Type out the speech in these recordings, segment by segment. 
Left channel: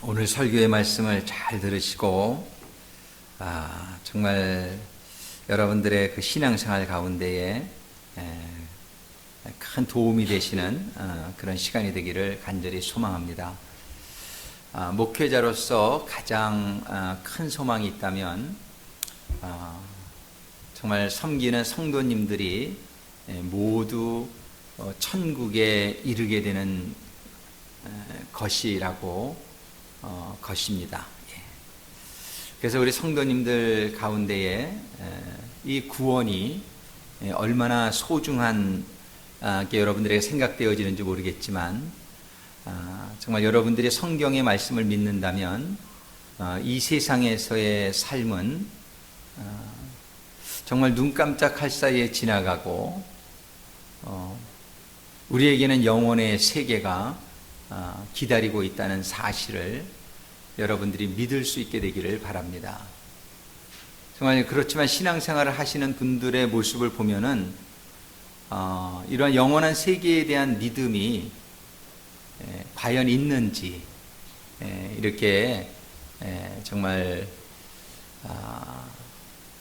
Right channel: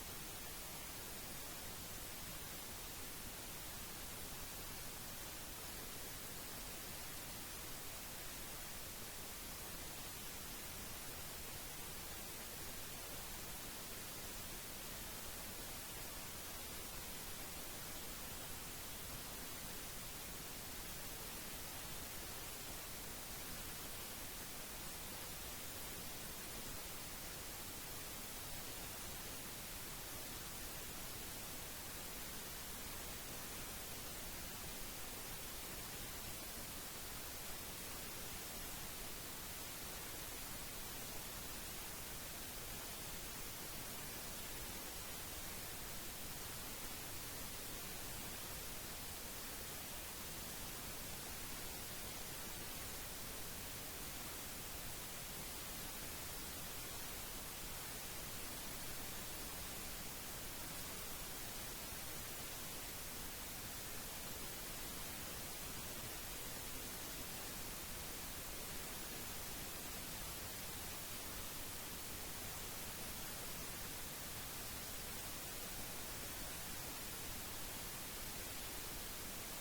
오늘 설교의 말씀을 잘 들으시고 정말 여러분들의 그 신앙생활 가운데에 큰 도움이 되시는 그런 시간이 되기를 간절히 소망합니다. 목회자로서 가장 큰 소망이 있다면 정말 섬기는 성도님들이 모두 천국에 이르게 되는 것이라고 것입니다. 그래서 우리 성도님들 가운데에 이 구원이 얼마나 소중한 게 여러분들에게 생각되어지는지 모르겠지만 정말 여러분들이 성경의 말씀을 믿는다면 이 세상에서의 삶은 정말 눈 깜짝할 사이에 지나가고 우리에게는 영혼의 세계가 기다리고 있다는 사실을 여러분들이 믿을 수 있게 되기를 바랍니다. 정말 그렇지만 신앙생활을 하시는 분들의 모습을 보면은 이러한 영원한 세계에 대한 믿음이 과연 있는지 이렇게 정말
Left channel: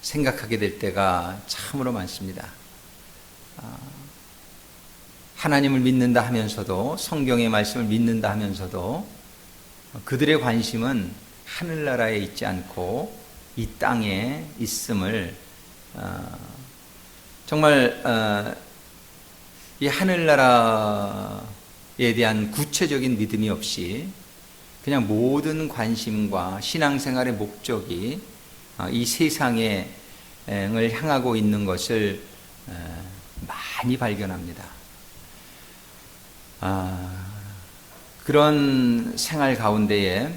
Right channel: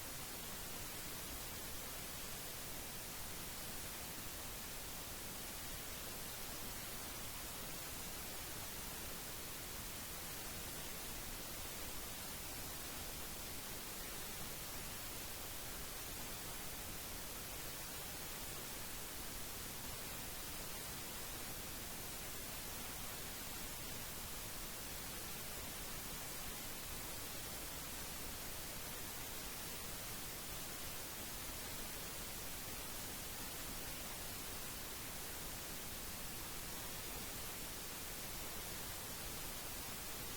생각하게 될 때가 참으로 많습니다. 하나님을 믿는다 하면서도 성경의 말씀을 믿는다 하면서도 그들의 관심은 하늘나라에 있지 않고 이 땅에 있음을 정말 이 하늘나라에 대한 구체적인 믿음이 없이 그냥 모든 관심과 신앙생활의 목적이 이 세상을 향하고 있는 것을 많이 발견합니다. 그런 생활 가운데에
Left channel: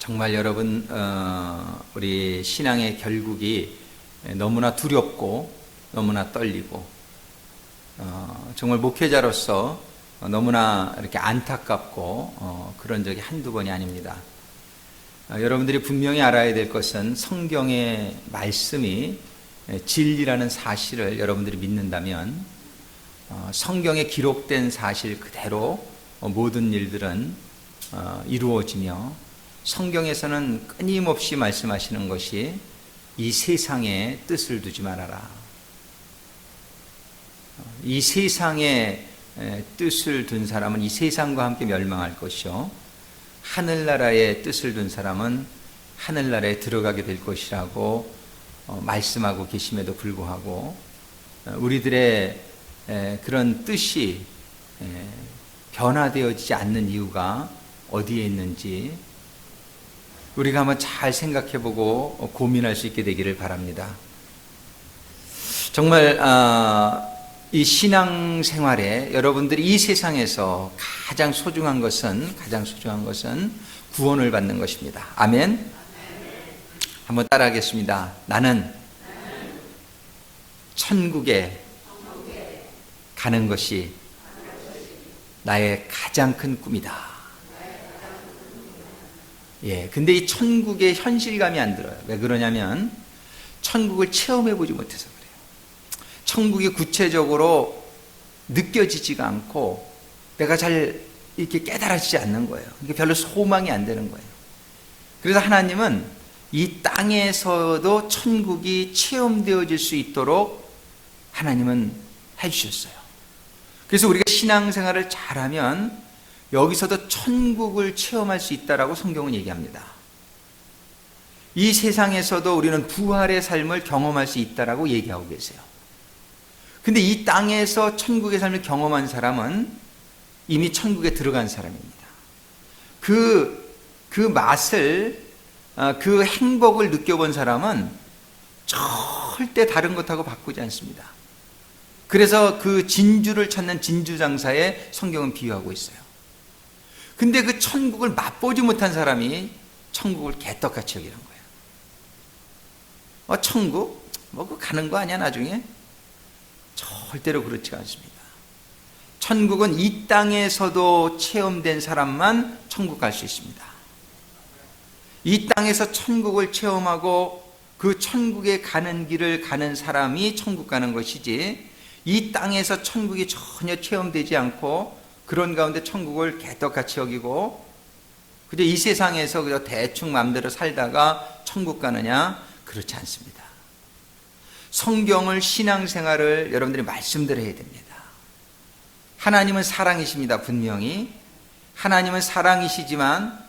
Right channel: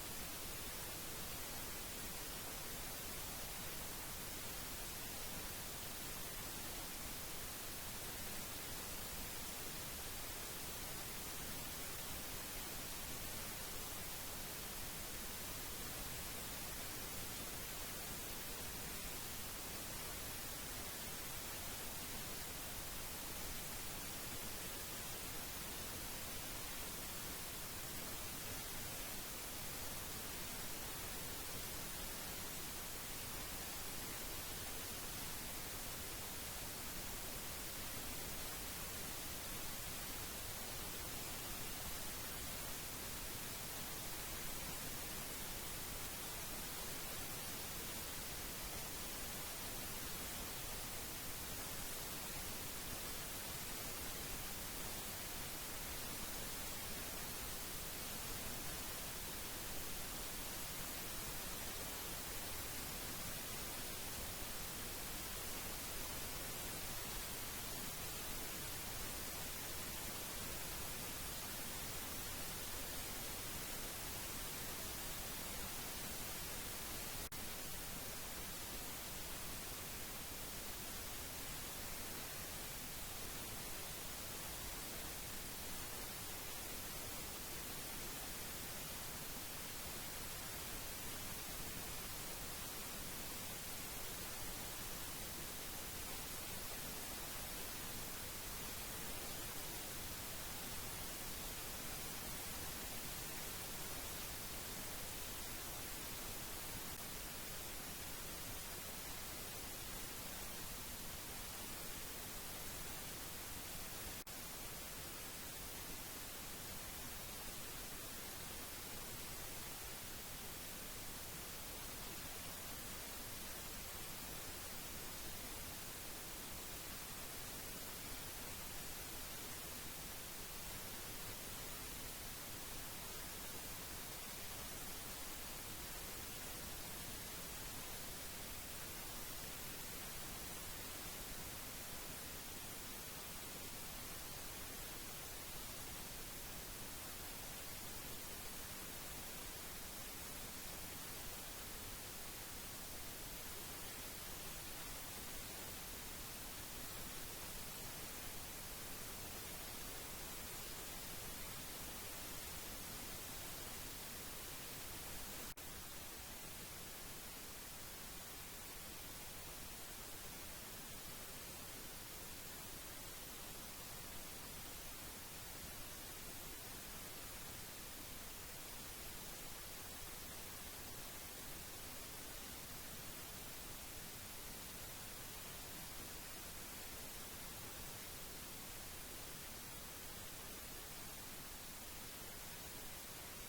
정말 여러분 우리 신앙의 결국이 너무나 두렵고 너무나 떨리고 정말 목회자로서 너무나 이렇게 안타깝고 그런 적이 한두 번이 아닙니다. 여러분들이 분명히 알아야 될 것은 성경의 말씀이 진리라는 사실을 여러분들이 믿는다면 성경에 기록된 사실 그대로 모든 일들은 이루어지며 성경에서는 끊임없이 말씀하시는 것이 이 세상에 뜻을 두지 말아라. 이 세상에 뜻을 둔 사람은 이 세상과 함께 멸망할 것이요 하늘나라에 뜻을 둔 사람은 하늘나라에 들어가게 될 것이라고 말씀하고 계심에도 불구하고 우리들의 그런 뜻이 변화되어지지 않는 이유가 어디에 있는지 우리가 한번 잘 생각해보고 고민할 수 있게 되기를 바랍니다. 정말 이 신앙생활에 여러분들이 이 세상에서 가장 소중한 것은 구원을 받는 것입니다. 아멘. 한번 따라하겠습니다. 나는 천국에 가는 것이 나의 가장 큰 꿈이다. 근데 이 천국의 현실감이 안 들어요. 왜 그러냐면 천국을 체험해보지 못해서 그래요. 천국이 구체적으로 느껴지지가 않고 내가 잘 이렇게 깨달아지지 않는 거예요. 이게 별로 소망이 안 되는 거예요. 그래서 하나님은 이 땅에서도 천국이 체험되어질 수 있도록 하나님은 해주셨어요. 그래서 우리가 신앙생활을 잘하면 여기서도 천국을 체험할 수 있다라고 성경은 얘기합니다. 이 세상에서도 우리는 부활의 삶을 경험할 수 있다라고 얘기하고 계세요. 근데 이 땅에서 천국의 삶을 경험한 사람은 이미 천국에 들어간 사람입니다. 그 맛을, 그 행복을 느껴본 사람은 절대 다른 것하고 바꾸지 않습니다. 그래서 그 진주를 찾는 진주장사에 성경은 비유하고 있어요. 근데 그 천국을 맛보지 못한 사람이 천국을 개떡같이 여기는 거예요. 천국? 그거 가는 거 아니야 나중에? 절대로 그렇지 않습니다. 천국은 이 땅에서도 체험된 사람만 천국 갈 수 있습니다. 이 땅에서 천국을 체험하고 그 천국에 가는 길을 가는 사람이 천국 가는 것이지 이 땅에서 천국이 전혀 체험되지 않고 그런 가운데 천국을 개떡같이 여기고 그저 이 세상에서 그저 대충 마음대로 살다가 천국 가느냐? 그렇지 않습니다. 성경을, 신앙생활을 여러분들이 말씀드려야 됩니다. 하나님은 사랑이십니다. 분명히 하나님은 사랑이시지만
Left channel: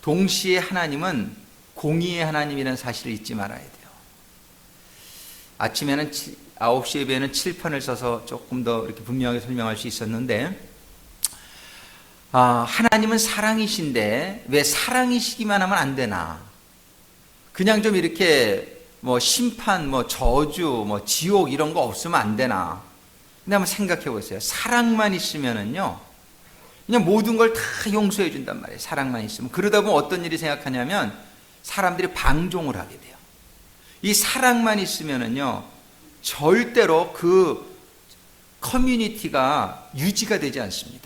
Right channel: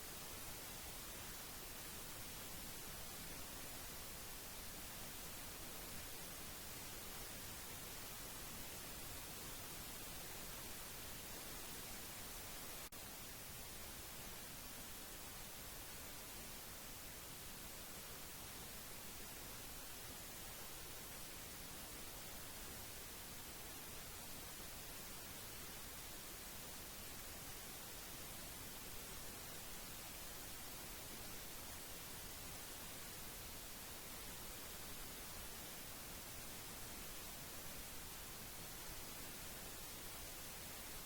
동시에 하나님은 공의의 하나님이라는 사실을 잊지 말아야 돼요. 아침에는 9시 예배에는 칠판을 써서 조금 더 이렇게 분명하게 설명할 수 있었는데, 하나님은 사랑이신데 왜 사랑이시기만 하면 안 되나? 그냥 좀 이렇게 뭐 심판, 뭐 저주, 뭐 지옥 이런 거 없으면 안 되나? 근데 한번 생각해 보세요. 사랑만 있으면은요, 그냥 모든 걸 다 용서해 준단 말이에요. 사랑만 있으면. 그러다 보면 어떤 일이 생각하냐면 사람들이 방종을 하게 돼요. 이 사랑만 있으면은요, 절대로 그 커뮤니티가 유지가 되지 않습니다.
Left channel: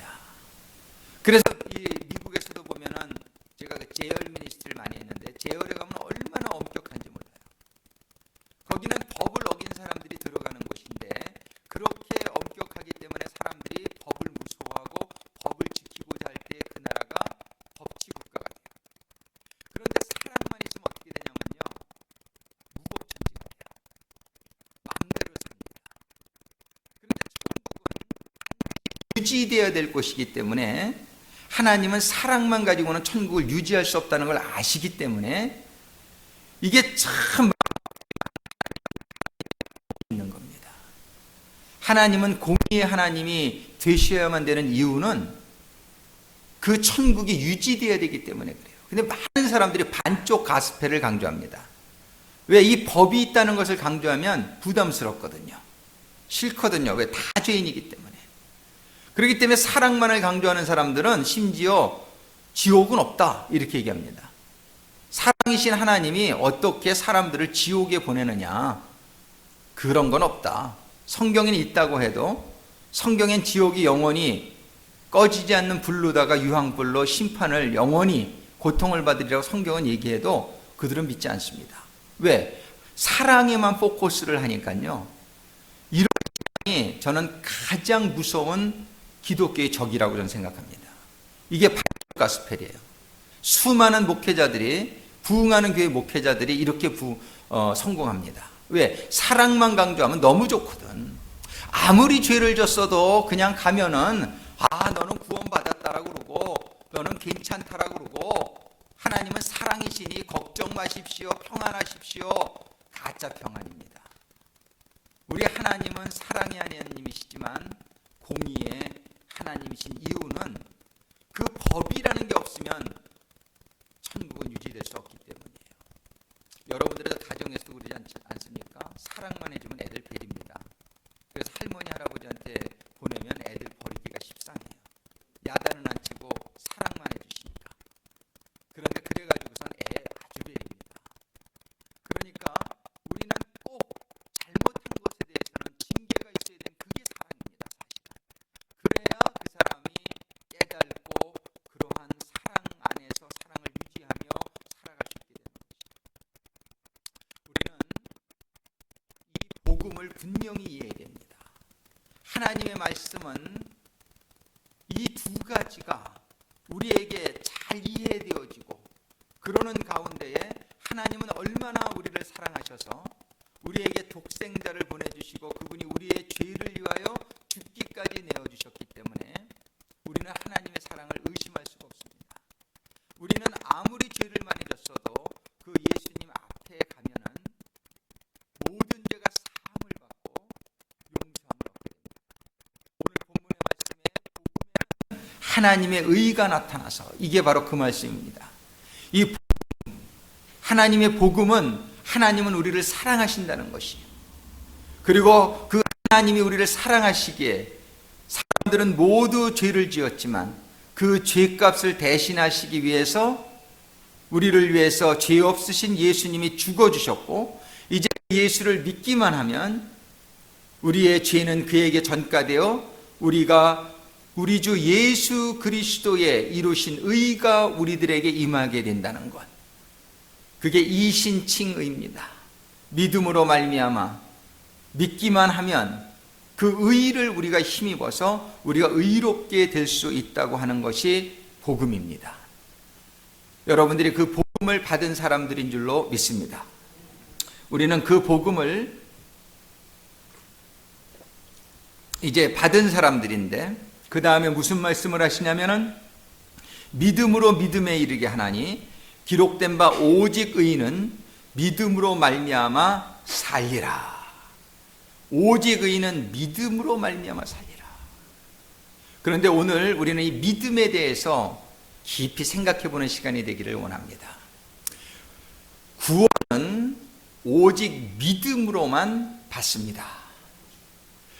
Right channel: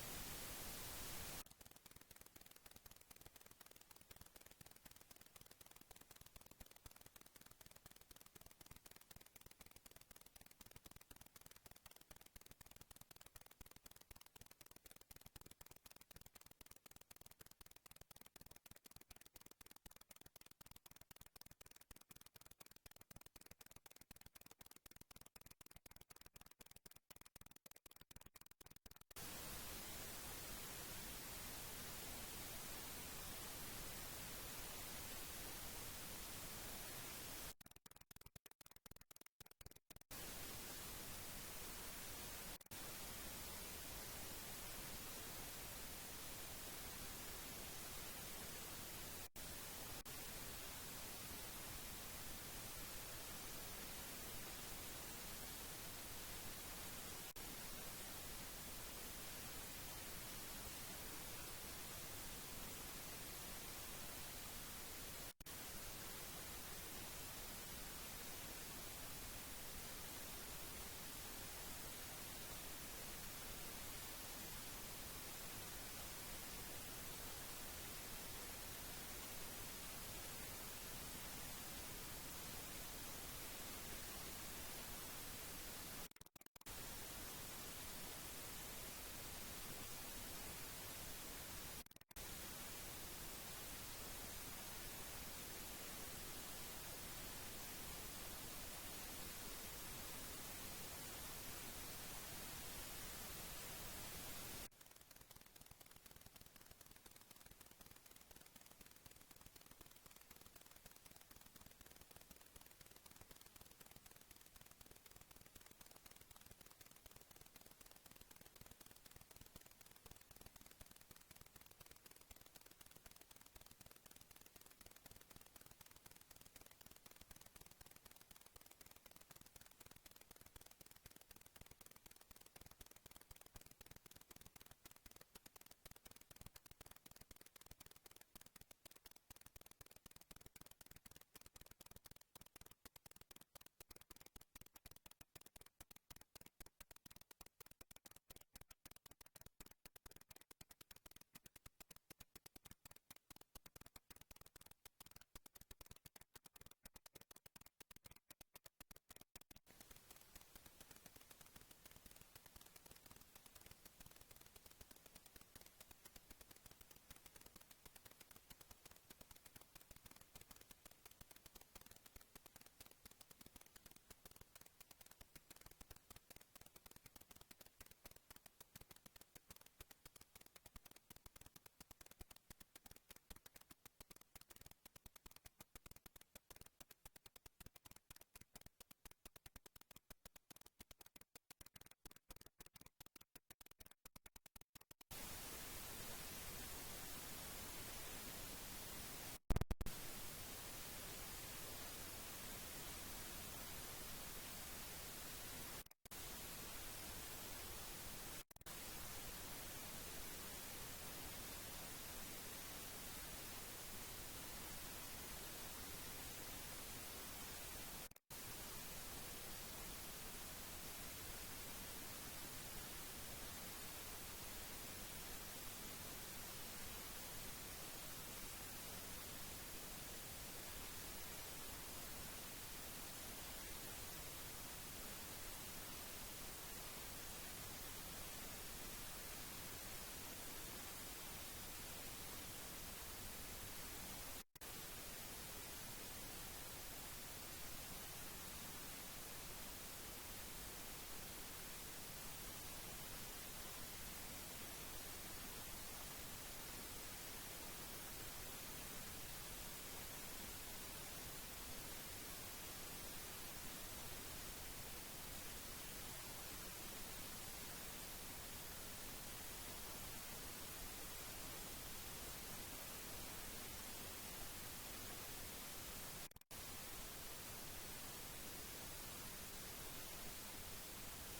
그래서 이 미국에서도 보면은 제가 그 제열 미니스트를 많이 했는데, 제열에 가면 얼마나 엄격한지 몰라요. 거기는 법을 어긴 사람들이 들어가는 곳인데, 그렇게 엄격하기 때문에 사람들이 법을 무서워하고 법을 지키고자 할 때 그 나라가 법치 국가가 돼요. 그런데 사랑만 있으면 어떻게 되냐면요, 무법천지가 돼요. 마음대로 삽니다. 그런데 천국은 유지되어야 될 곳이기 때문에, 하나님은 사랑만 가지고는 천국을 유지할 수 없다는 걸 아시기 때문에 이게 참 있는 겁니다. 하나님은 공의의 하나님이 되셔야만 되는 이유는 그 천국이 유지되어야 되기 때문에 그래요. 근데 많은 사람들이 반쪽 가스펠을 강조합니다. 왜? 이 법이 있다는 것을 강조하면 부담스럽거든요. 싫거든요. 왜? 다 죄인이기 때문에. 그렇기 때문에 사랑만을 강조하는 사람들은 심지어 지옥은 없다 이렇게 얘기합니다. 사랑이신 하나님이 어떻게 사람들을 지옥에 보내느냐, 그런 건 없다. 성경에는 있다고 해도 성경엔 지옥이 영원히 꺼지지 않는 불로다가 유황불로 심판을 영원히 고통을 받으리라고 성경은 얘기해도 그들은 믿지 않습니다. 왜? 사랑에만 포커스를 하니까요. 이런 사랑이 저는 가장 무서운 기독교의 적이라고 저는 생각합니다. 이게 가스펠이에요. 수많은 목회자들이, 부흥하는 교회 목회자들이 이렇게 성공합니다. 왜? 사랑만 강조하면 너무 좋거든. 아무리 죄를 졌어도 그냥 가면은 너는 구원받았다라고 그러고 너는 괜찮다라고 그러고, 하나님은 사랑이시니 걱정 마십시오, 평안하십시오. 가짜 평안입니다. 우리 하나님은 사랑의 하나님이시지만 공의의 하나님이신 이유는 그 법이라는 게 없으면 천국은 유지될 수 없기 때문이에요. 여러분들의 가정에서도 그러지 않습니까? 사랑만 해주면 애들 베립니다. 그래서 할머니 할아버지한테 보내면 애들 버리기가 십상해요. 야단은 안 치고 사랑만 해주시니까. 그런데 그래가지고선 애 아주 베립니다. 그러니까 우리는 꼭 잘못한 것에 대해서는 징계가 있어야 되는, 그게 사랑입니다. 사실. 그래야 그 사람이 깨닫고 그러한 사랑 안에서 사랑을 유지하며 살아갈 수 있게 되는 것이죠. 우리는 이 복음을 분명히 이해해야 됩니다. 하나님의 말씀은 이 두 가지가 우리에게 잘 이해되어지고, 그러는 가운데에 하나님은 얼마나 우리를 사랑하셔서 우리에게 독생자를 보내주시고 그분이 우리의 죄를 위하여 죽기까지 내어주셨기 때문에 우리는 하나님의 사랑을 의심할 수가 없습니다. 우리는 아무리 죄를 많이 졌어도 그 예수님 앞에 가면은 모든 죄가 사함을 받고 용서함을 얻게 됩니다. 오늘 본문의 말씀에 하나님의 의가 나타나서, 이게 바로 그 말씀입니다. 이 하나님의 복음은, 하나님은 우리를 사랑하신다는 것이에요. 그리고 그 하나님이 우리를 사랑하시기에 사람들은 모두 죄를 지었지만 그 죄값을 대신하시기 위해서 우리를 위해서 죄 없으신 예수님이 죽어주셨고, 이제 예수를 믿기만 하면 우리의 죄는 그에게 전가되어 우리가 우리 주 예수 그리스도의 이루신 의가 우리들에게 임하게 된다는 것. 그게 이신칭의입니다. 믿음으로 말미암아 믿기만 하면 그 의를 우리가 힘입어서 우리가 의롭게 될 수 있다고 하는 것이 복음입니다. 여러분들이 그 복음을 받은 사람들인 줄로 믿습니다. 우리는 그 복음을 이제 받은 사람들인데, 그 다음에 무슨 말씀을 하시냐면은 믿음으로 믿음에 이르게 하나니 기록된 바 오직 의인은 믿음으로 말미암아 살리라. 오직 의인은 믿음으로 말미암아 살리라. 그런데 오늘 우리는 이 믿음에 대해서 깊이 생각해 보는 시간이 되기를 원합니다. 구원은 오직 믿음으로만 받습니다.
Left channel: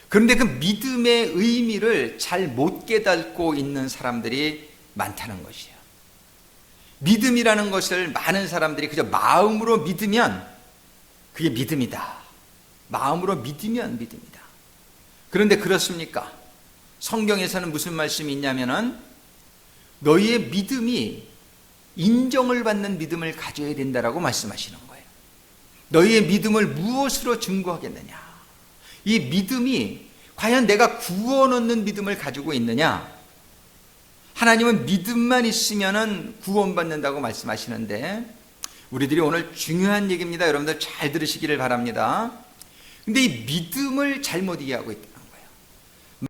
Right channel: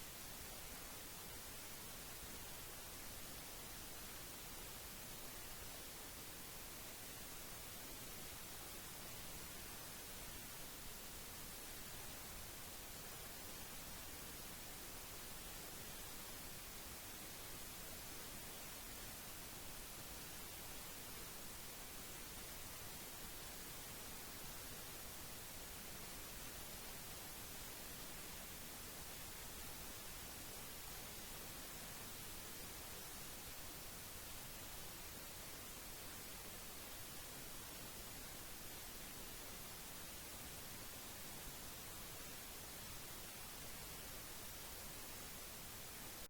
그런데 그 믿음의 의미를 잘 못 깨닫고 있는 사람들이 많다는 것이에요. 믿음이라는 것을 많은 사람들이 그저 마음으로 믿으면 그게 믿음이다. 마음으로 믿으면 믿음이다. 그런데 그렇습니까? 성경에서는 무슨 말씀이 있냐면은 너희의 믿음이 인정을 받는 믿음을 가져야 된다라고 말씀하시는 거예요. 너희의 믿음을 무엇으로 증거하겠느냐? 이 믿음이 과연 내가 구원 얻는 믿음을 가지고 있느냐? 하나님은 믿음만 있으면은 구원받는다고 말씀하시는데, 우리들이 오늘 중요한 얘기입니다. 여러분들 잘 들으시기를 바랍니다. 근데 이 믿음을 잘못 이해하고 있다는 거예요.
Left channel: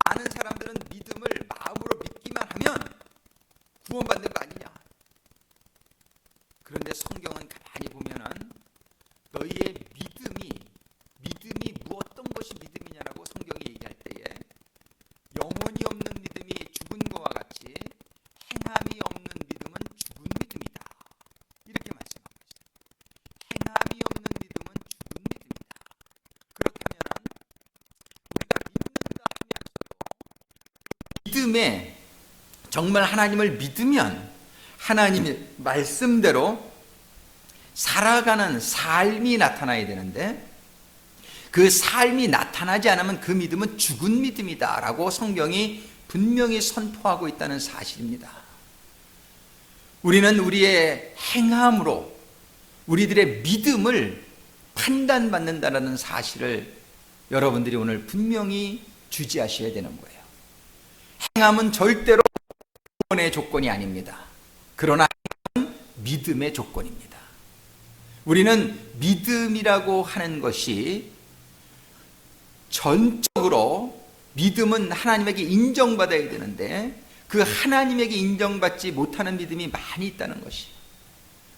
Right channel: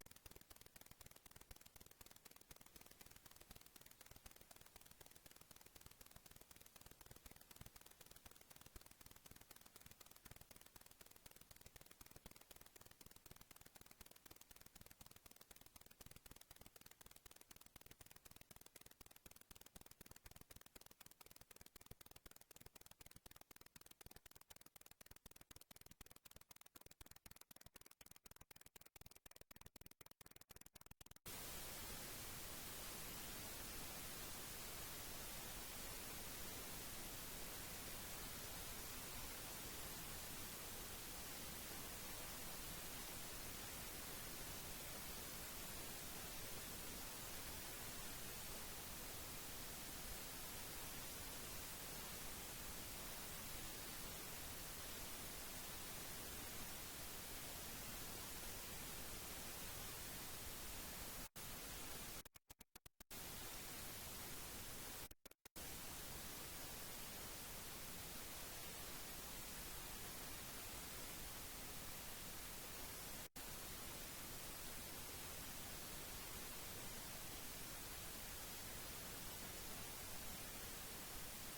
많은 사람들은 믿음을 마음으로 믿기만 하면 구원받는 거 아니냐? 그런데 성경은 가만히 보면은 너희의 믿음이 어떤 것이 믿음이냐라고 성경이 얘기할 때에 영혼이 없는 믿음이 죽은 것과 같이 행함이 없는 믿음은 죽은 믿음이다. 이렇게 말씀하고 있어요. 행함이 없는 믿음은 죽은 믿음이다. 그렇게 하면은 우리가 믿는다 하면서도 믿음에 정말 하나님을 믿으면 하나님의 말씀대로 살아가는 삶이 나타나야 되는데, 그 삶이 나타나지 않으면 그 믿음은 죽은 믿음이다 라고 성경이 분명히 선포하고 있다는 사실입니다. 우리는 우리의 행함으로 우리들의 믿음을 판단받는다는 사실을 여러분들이 오늘 분명히 주지하셔야 되는 거예요. 행함은 절대로 구원의 조건이 아닙니다. 그러나 행함은 믿음의 조건입니다. 우리는 믿음이라고 하는 것이 전적으로, 믿음은 하나님에게 인정받아야 되는데 그 하나님에게 인정받지 못하는 믿음이 많이 있다는 것이에요.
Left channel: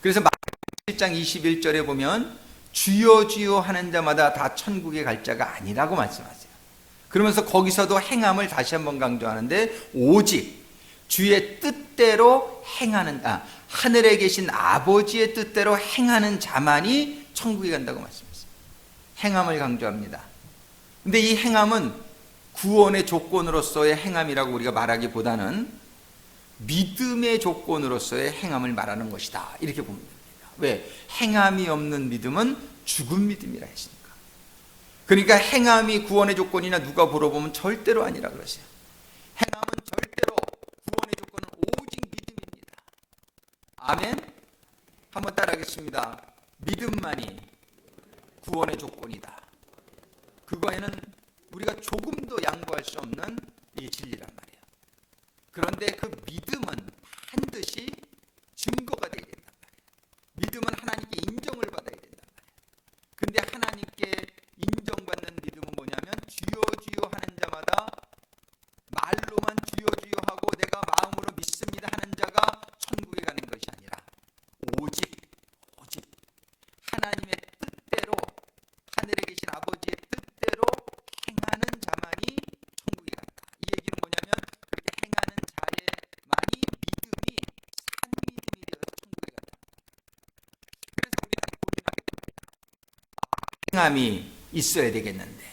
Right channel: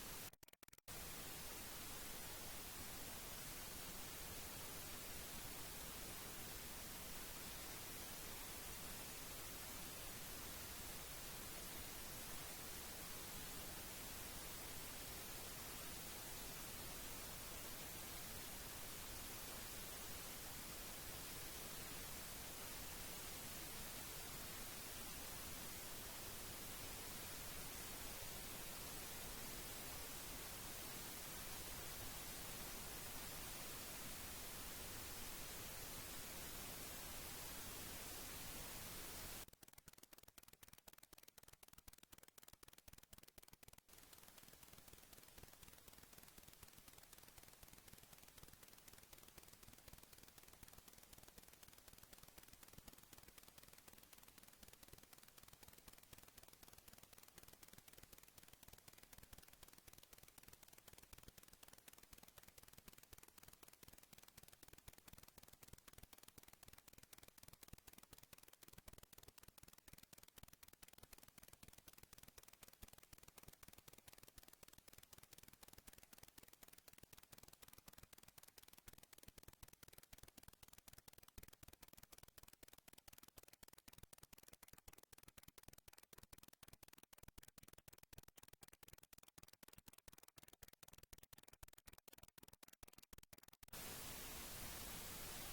그래서 마태복음 7장 21절에 보면 주여 주여 하는 자마다 다 천국에 갈 자가 아니라고 말씀하세요. 그러면서 거기서도 행함을 다시 한번 강조하는데 오직 주의 뜻대로 행하는 하늘에 계신 아버지의 뜻대로 행하는 자만이 천국에 간다고 말씀했습니다. 행함을 강조합니다. 근데 이 행함은 구원의 조건으로서의 행함이라고 우리가 말하기보다는 믿음의 조건으로서의 행함을 말하는 것이다. 이렇게 보면 됩니다. 왜? 행함이 없는 믿음은 죽은 믿음이라 했으니까. 그러니까 행함이 구원의 조건이나 누가 물어보면 절대로 아니라 그러세요. 행함은 절대로 구원의 조건은 오직 믿음입니다. 아멘? 한번 따라하겠습니다. 믿음만이 구원의 조건이다. 그거에는 우리가 조금도 양보할 수 없는 이 진리란 말이에요. 그런데 그 믿음은 반드시 증거가 되어야 된단 말이에요. 믿음은 하나님께 인정을 받아야 된단 말이에요. 근데 하나님께 인정받는 믿음은 뭐냐면 주여 주여 하는 자마다 말로만 주여 주여 하고 내가 마음으로 믿습니다 하는 자가 천국에 가는 것이 아니라 오직 하나님의 뜻대로, 하늘에 계신 아버지의 뜻대로 행하는 자만이 천국에 간다. 이 얘기는 뭐냐면 그렇게 행하는 자의만이 믿음이 산 믿음이 되어서 천국에 간다. 그래서 우리는 고민하게 됩니다. 행함이 있어야 되겠는데,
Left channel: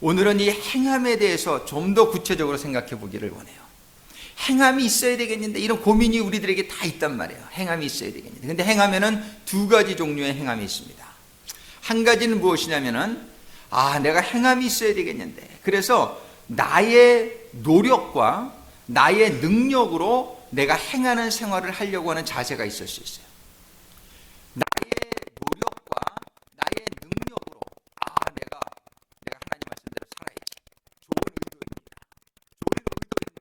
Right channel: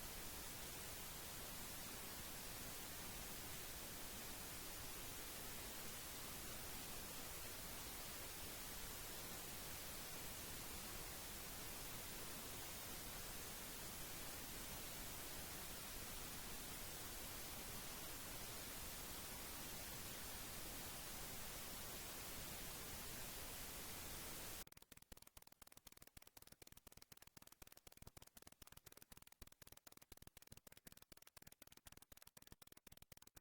오늘은 이 행함에 대해서 좀 더 구체적으로 생각해 보기를 원해요. 행함이 있어야 되겠는데, 이런 고민이 우리들에게 다 있단 말이에요. 행함이 있어야 되겠는데. 근데 행함에는 두 가지 종류의 행함이 있습니다. 한 가지는 무엇이냐면은 내가 행함이 있어야 되겠는데, 그래서 나의 노력과 나의 능력으로 내가 행하는 생활을 하려고 하는 자세가 있을 수 있어요. 나의 노력과 나의 능력으로 내가 하나님 말씀대로 살아야지. 좋은 의도입니다. 좋은 의도인데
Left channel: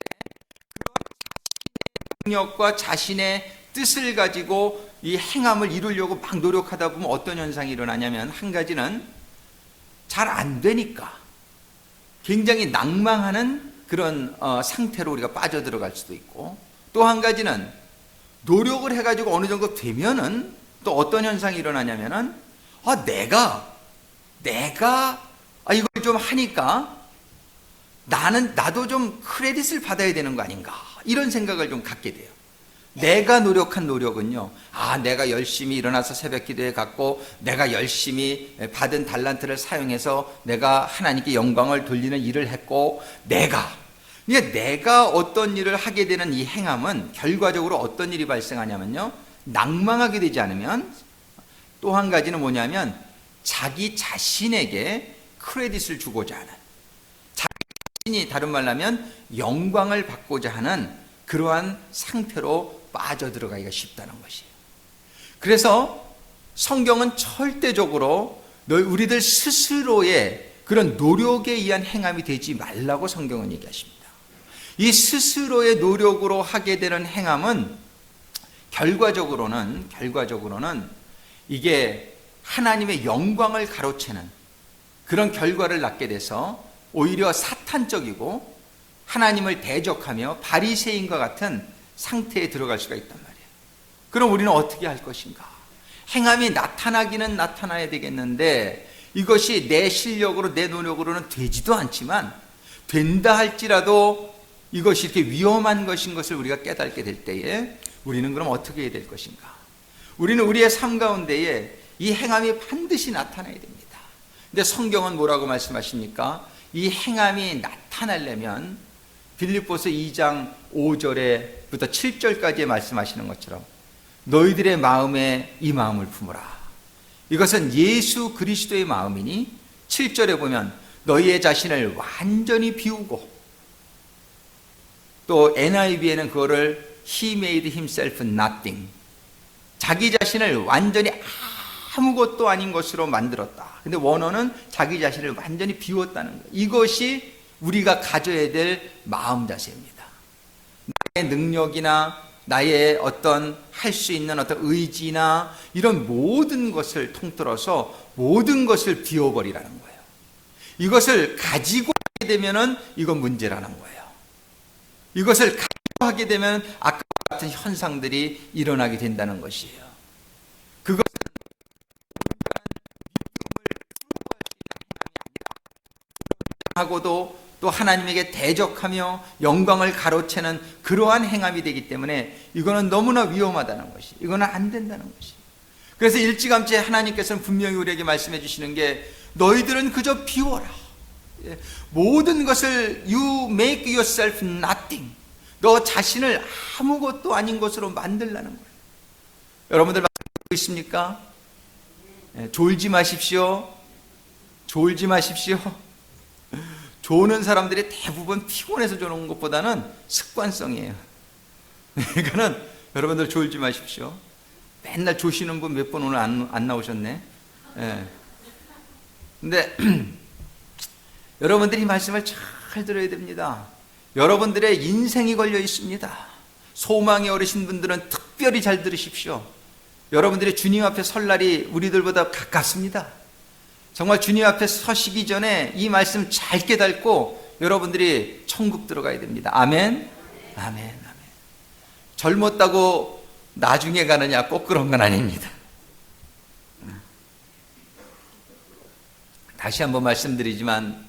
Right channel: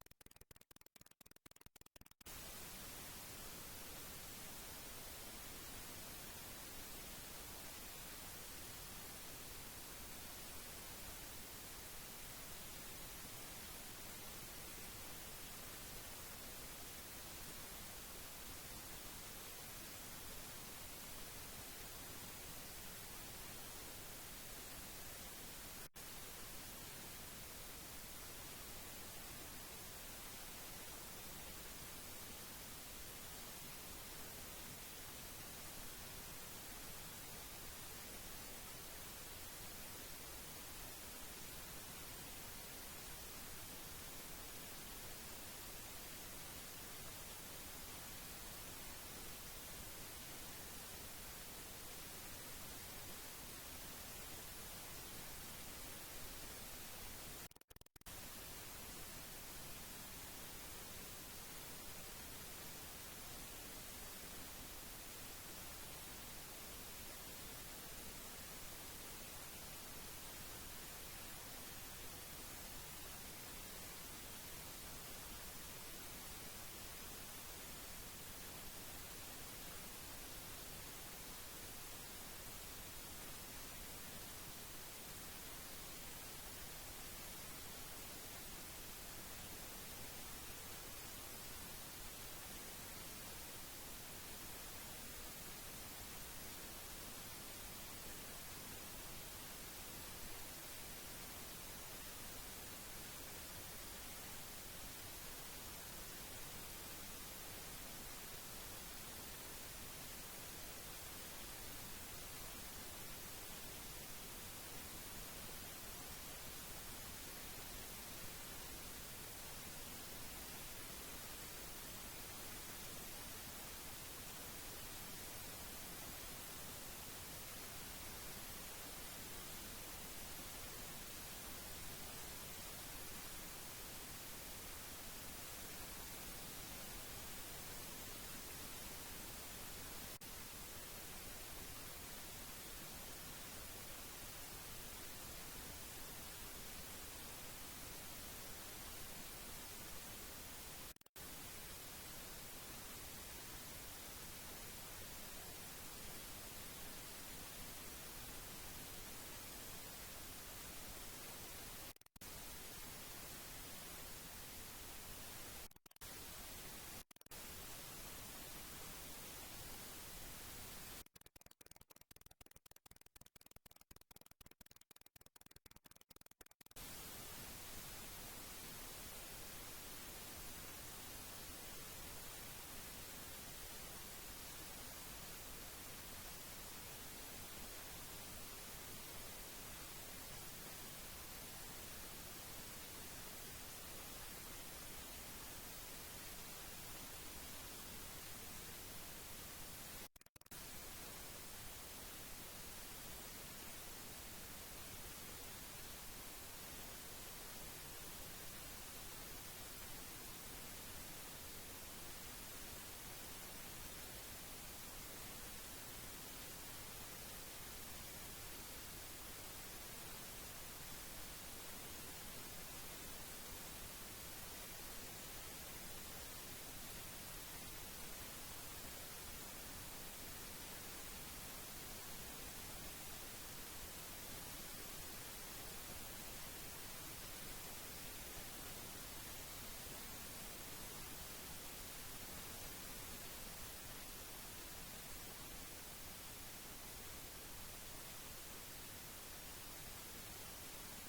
그런 자신의 능력과 자신의 뜻을 가지고 이 행함을 이루려고 막 노력하다 보면 어떤 현상이 일어나냐면, 한 가지는 잘 안 되니까 굉장히 낭망하는 그런 상태로 우리가 빠져들어갈 수도 있고, 또 한 가지는 노력을 해가지고 어느 정도 되면은 또 어떤 현상이 일어나냐면은, 내가 이걸 좀 하니까 나도 좀 크레딧을 받아야 되는 거 아닌가, 이런 생각을 좀 갖게 돼요. 내가 노력한 노력은요, 내가 열심히 일어나서 새벽 기도에 갔고, 내가 열심히 받은 달란트를 사용해서 내가 하나님께 영광을 돌리는 일을 했고, 내가 어떤 일을 하게 되는 이 행함은 결과적으로 어떤 일이 발생하냐면요, 낭망하게 되지 않으면, 또 한 가지는 뭐냐면 자기 자신에게 크레딧을 주고자 하는, 자기 자신이 다른 말로 하면 영광을 받고자 하는 그러한 상태로 빠져들어가기가 쉽다는 것이에요. 그래서 성경은 절대적으로 우리들 스스로의 그런 노력에 의한 행함이 되지 말라고 성경은 얘기하십니다. 이 스스로의 노력으로 하게 되는 행함은 결과적으로는 이게 하나님의 영광을 가로채는 그런 결과를 낳게 돼서 오히려 사탄적이고 하나님을 대적하며 바리새인과 같은 상태에 들어갈 수가 있단 말이에요. 그럼 우리는 어떻게 할 것인가? 행함이 나타나기는 나타나야 되겠는데, 이것이 내 실력으로 내 노력으로는 되지도 않지만, 된다 할지라도 이것이 이렇게 위험한 것인 것을 우리가 깨닫게 될 때에 우리는 그럼 어떻게 해야 될 것인가? 우리는 우리의 삶 가운데에 이 행함이 반드시 나타나야 됩니다. 근데 성경은 뭐라고 말씀하십니까? 이 행함이 나타나려면 빌립보서 2장 5절에부터 7절까지 말씀하시는 것처럼 너희들의 마음에 이 마음을 품으라. 이것은 예수 그리스도의 마음이니, 7절에 보면 너희의 자신을 완전히 비우고, 또 NIV에는 그거를 He made himself nothing, 자기 자신을 완전히 아무것도 아닌 것으로 만들었다. 근데 원어는 자기 자신을 완전히 비웠다는 것. 이것이 우리가 가져야 될 마음 자세입니다. 나의 능력이나 나의 어떤 할 수 있는 어떤 의지나 이런 모든 것을 통틀어서 모든 것을 비워버리라는 거예요. 이것을 가지고 하게 되면은 이건 문제라는 거예요. 이것을 가지고 하게 되면 아까 같은 현상들이 일어나게 된다는 것이에요. 그것은 하고도 또 하나님에게 대적하며 영광을 가로채는 그러한 행함이 되기 때문에 이거는 너무나 위험하다는 것이, 이거는 안 된다는 것이. 그래서 일찌감치 하나님께서는 분명히 우리에게 말씀해 주시는 게, 너희들은 그저 비워라. 모든 것을 you make yourself nothing, 너 자신을 아무것도 아닌 것으로 만들라는 거예요. 여러분들 말씀하고 있습니까? 졸지 마십시오. 졸지 마십시오. 조는 사람들이 대부분 피곤해서 조는 것보다는 습관성이에요. 그러니까는 여러분들 졸지 마십시오. 맨날 조시는 분 몇 분 오늘 안 나오셨네. 근데 여러분들이 이 말씀을 잘 들어야 됩니다. 여러분들의 인생이 걸려 있습니다. 소망의 어르신 분들은 특별히 잘 들으십시오. 여러분들이 주님 앞에 설 날이 우리들보다 가깝습니다. 정말 주님 앞에 서시기 전에 이 말씀 잘 깨닫고 여러분들이 천국 들어가야 됩니다. 아멘? 아멘, 아멘. 젊었다고 나중에 가느냐, 꼭 그런 건 아닙니다. 다시 한번 말씀드리지만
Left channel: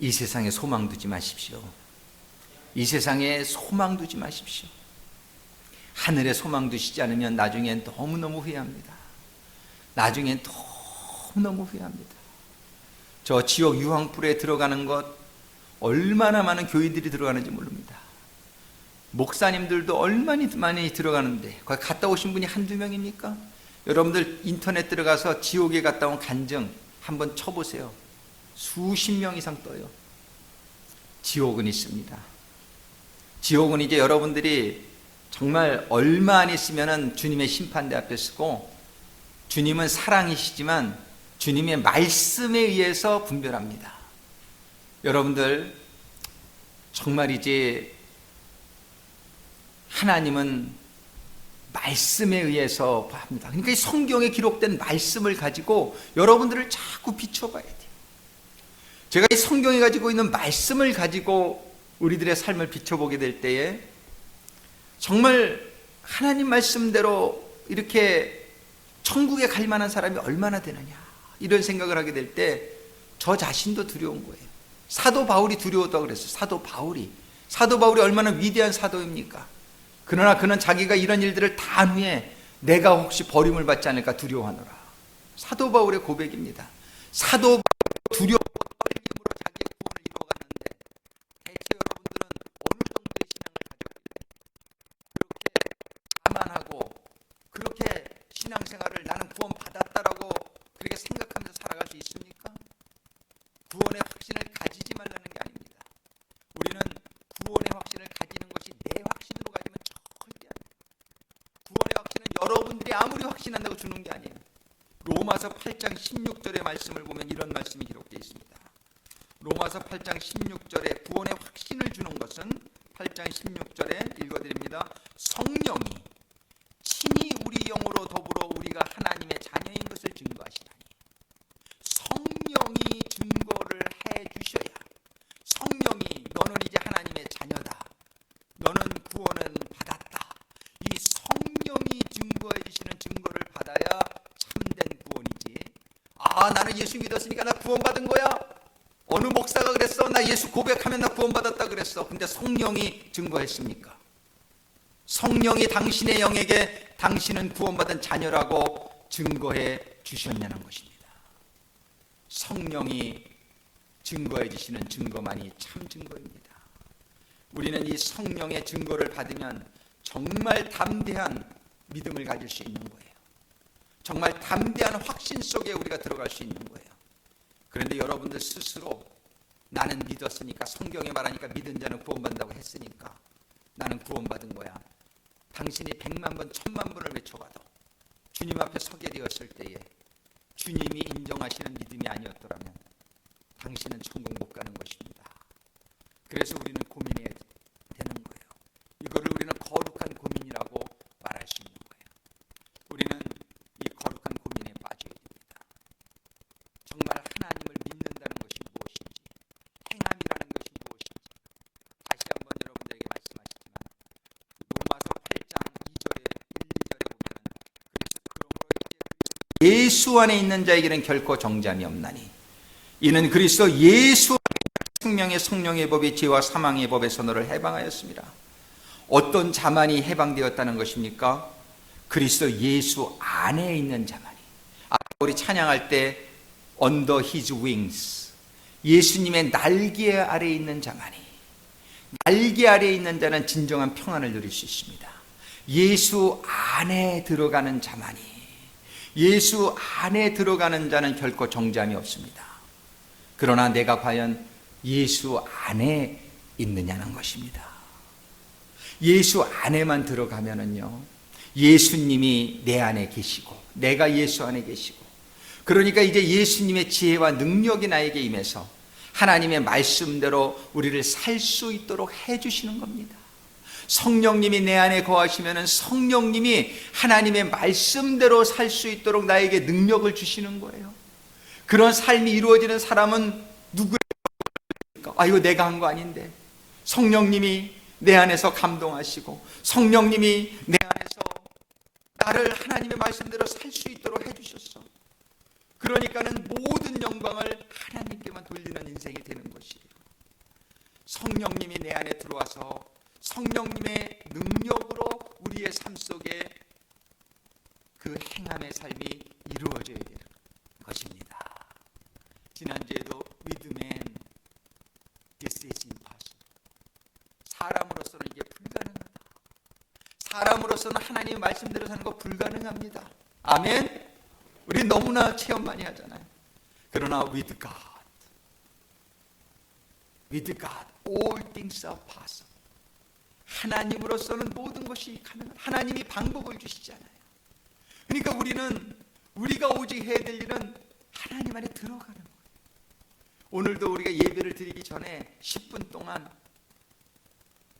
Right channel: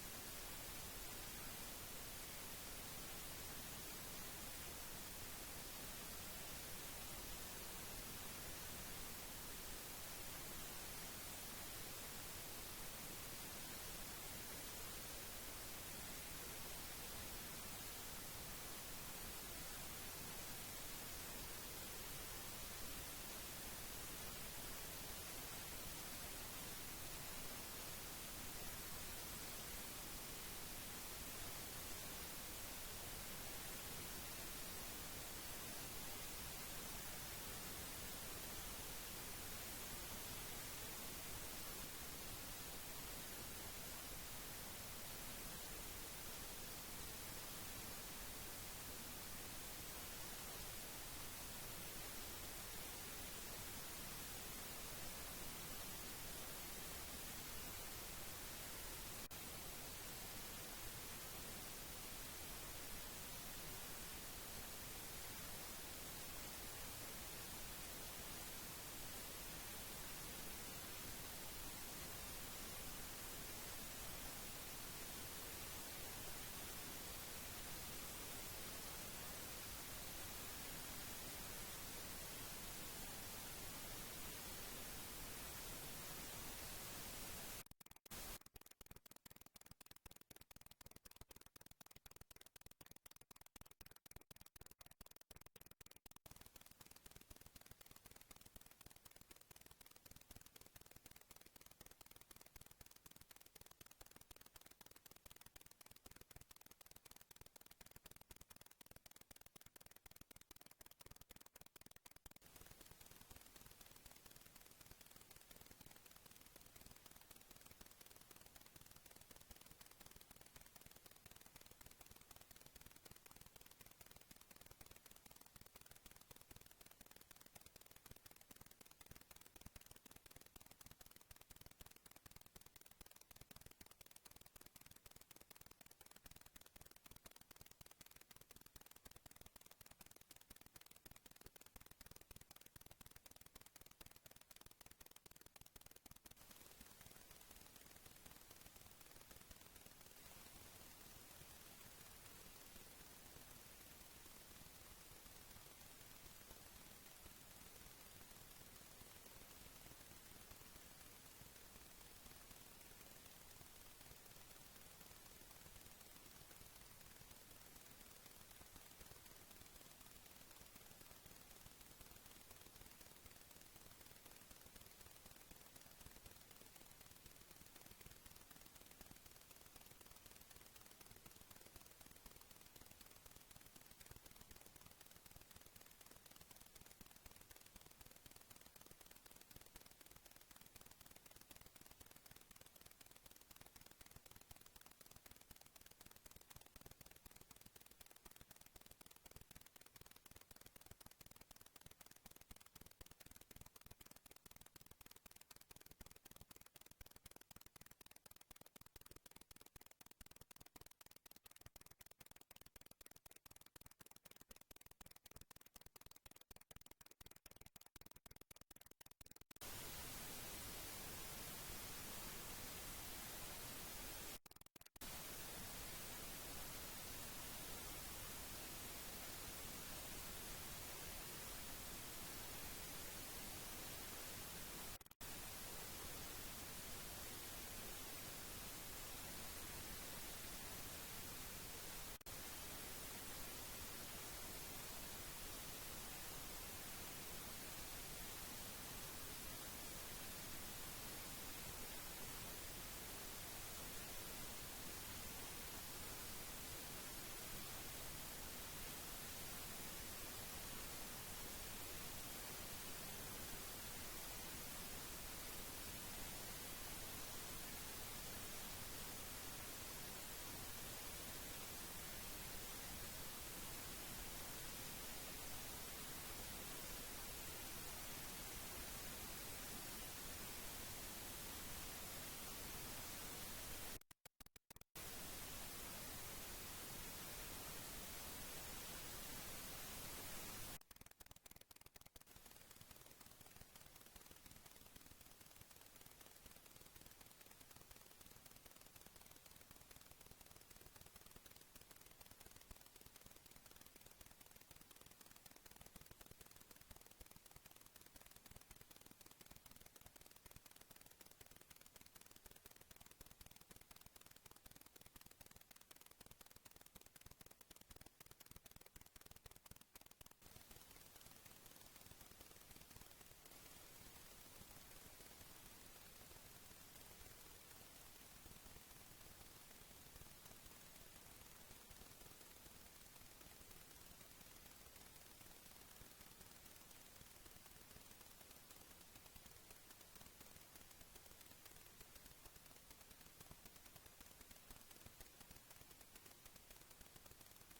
이 세상에 소망 두지 마십시오. 이 세상에 소망 두지 마십시오. 하늘에 소망 두시지 않으면 나중엔 너무너무 후회합니다. 나중엔 너무너무 후회합니다. 저 지옥 유황불에 들어가는 것 얼마나 많은 교인들이 들어가는지 모릅니다. 목사님들도 얼마나 많이 들어가는데 거기 갔다 오신 분이 한두 명입니까? 여러분들 인터넷 들어가서 지옥에 갔다 온 간증 한번 쳐보세요. 수십 명 이상 떠요. 지옥은 있습니다. 지옥은 이제 여러분들이 정말 얼마 안 있으면 주님의 심판대 앞에 서고, 주님은 사랑이시지만 주님의 말씀에 의해서 분별합니다. 여러분들 정말 이제 하나님은 말씀에 의해서 합니다. 그러니까 이 성경에 기록된 말씀을 가지고 여러분들을 자꾸 비춰봐야 돼요. 제가 이 성경에 가지고 있는 말씀을 가지고 우리들의 삶을 비춰보게 될 때에 정말 하나님 말씀대로 이렇게 천국에 갈 만한 사람이 얼마나 되느냐, 이런 생각을 하게 될 때 저 자신도 두려운 거예요. 사도 바울이 두려웠다고 그랬어요. 사도 바울이 얼마나 위대한 사도입니까? 그러나 그는 자기가 이런 일들을 다 한 후에 내가 혹시 버림을 받지 않을까 두려워하노라. 사도 바울의 고백입니다. 사도 바울이 두렵고 떨림으로 자기의 구원을 이루어갔는데 대체 여러분들은 어느 정도의 신앙을 가지고 그렇게 자만하고 그렇게 신앙생활을 나는 구원 받았다라고 그렇게 생각하면서 살아갈 수 있습니까? 구원의 확신을 가지지 말라는 게 아닙니다. 우리는 구원의 확신을 가지는 것이 내 확신으로 가지면 절대 아니에요. 구원의 확신은 여러분들이 아무리 확신한다고 주는 게 아니에요. 로마서 8장 16절의 말씀을 보면 이런 말씀이 기록되어 있습니다. 로마서 8장 16절에 구원의 확신을 주는 것은 8장 16절에 읽어드립니다. 성령이 친히 우리 영으로 더불어 우리가 하나님의 자녀인 것을 증거하시나니, 성령이 증거를 해주셔야, 성령이 너는 이제 하나님의 자녀다, 너는 구원은 받았다, 이 성령이 증거해 주시는 증거를 받아야 참된 구원이지. 아, 나는 예수 믿었으니까 나 구원받은 거야. 어느 목사가 그랬어. 나 예수 고백하면 나 구원받았다 그랬어. 근데 성령이 증거했습니까? 성령이 당신의 영에게 당신은 구원받은 자녀라고 증거해 주셨냐는 것입니다. 성령이 증거해 주시는 증거만이 참 증거입니다. 우리는 이 성령의 증거를 받으면 정말 담대한 믿음을 가질 수 있는 거예요. 정말 담대한 확신 속에 우리가 들어갈 수 있는 거예요. 그런데 여러분들 스스로 나는 믿었으니까, 성경에 말하니까 믿은 자는 구원받는다고 했으니까 나는 구원받은 거야. 당신이 100만 번, 1000만 번을 외쳐봐도 주님 앞에 서게 되었을 때에 주님이 인정하시는 믿음이 아니었더라면 당신은 천국 못 가는 것입니다. 그래서 우리는 고민해야 되는 거예요. 이거를 우리는 거룩한 고민이라고 말할 수 있는 거예요. 우리는 이 거룩한 고민에 빠져야 됩니다. 정말 하나님을 믿는다는 것이 무엇인지, 행함이라는 것이 무엇인지 다시 한번 여러분들에게 말씀하시지만 로마서 8장 2절에 1, 2절에 보면 그래서 그러므로 이제 예수 안에 있는 자에게는 결코 정죄함이 없나니 이는 그리스도 예수 안에 생명의 성령의 법이 죄와 사망의 법에서 너를 해방하였습니다. 어떤 자만이 해방되었다는 것입니까? 그리스도 예수 안에 있는 자만이. 우리 찬양할 때 Under His Wings, 예수님의 날개 아래에 있는 자만이, 날개 아래에 있는 자는 진정한 평안을 누릴 수 있습니다. 예수 안에 들어가는 자만이, 예수 안에 들어가는 자는 결코 정죄함이 없습니다. 그러나 내가 과연 예수 안에 있느냐는 것입니다. 예수 안에만 들어가면은요, 예수님이 내 안에 계시고 내가 예수 안에 계시고, 그러니까 이제 예수님의 지혜와 능력이 나에게 임해서 하나님의 말씀대로 우리를 살 수 있도록 해주시는 겁니다. 성령님이 내 안에 거하시면은 성령님이 하나님의 말씀대로 살 수 있도록 나에게 능력을 주시는 거예요. 그런 삶이 이루어지는 사람은 누구일까? 아, 이거 내가 한 거 아닌데. 성령님이 내 안에서 감동하시고 성령님이 내 안에서 나를 하나님의 말씀대로 살 수 있도록 해주셨어. 그러니까는 모든 영광을 하나님께만 돌리는 인생이 되는 것이에요. 성령님이 내 안에 들어와서 성령님의 능력으로 우리의 삶 속에 그 행함의 삶이 이루어져야 되는 것입니다. 지난주에도 with man this is impossible. 사람으로서는 이게 불가능하다. 사람으로서는 하나님의 말씀대로 사는 거 불가능합니다. 아멘. 우리 너무나 체험 많이 하잖아요. 그러나 with God all things are possible. 하나님으로서는 모든 것이 가능한, 하나님이 방법을 주시잖아요. 그러니까 우리가 오직 해야 될 일은 하나님 안에 들어가는 거예요. 오늘도 우리가 예배를 드리기 전에 10분 동안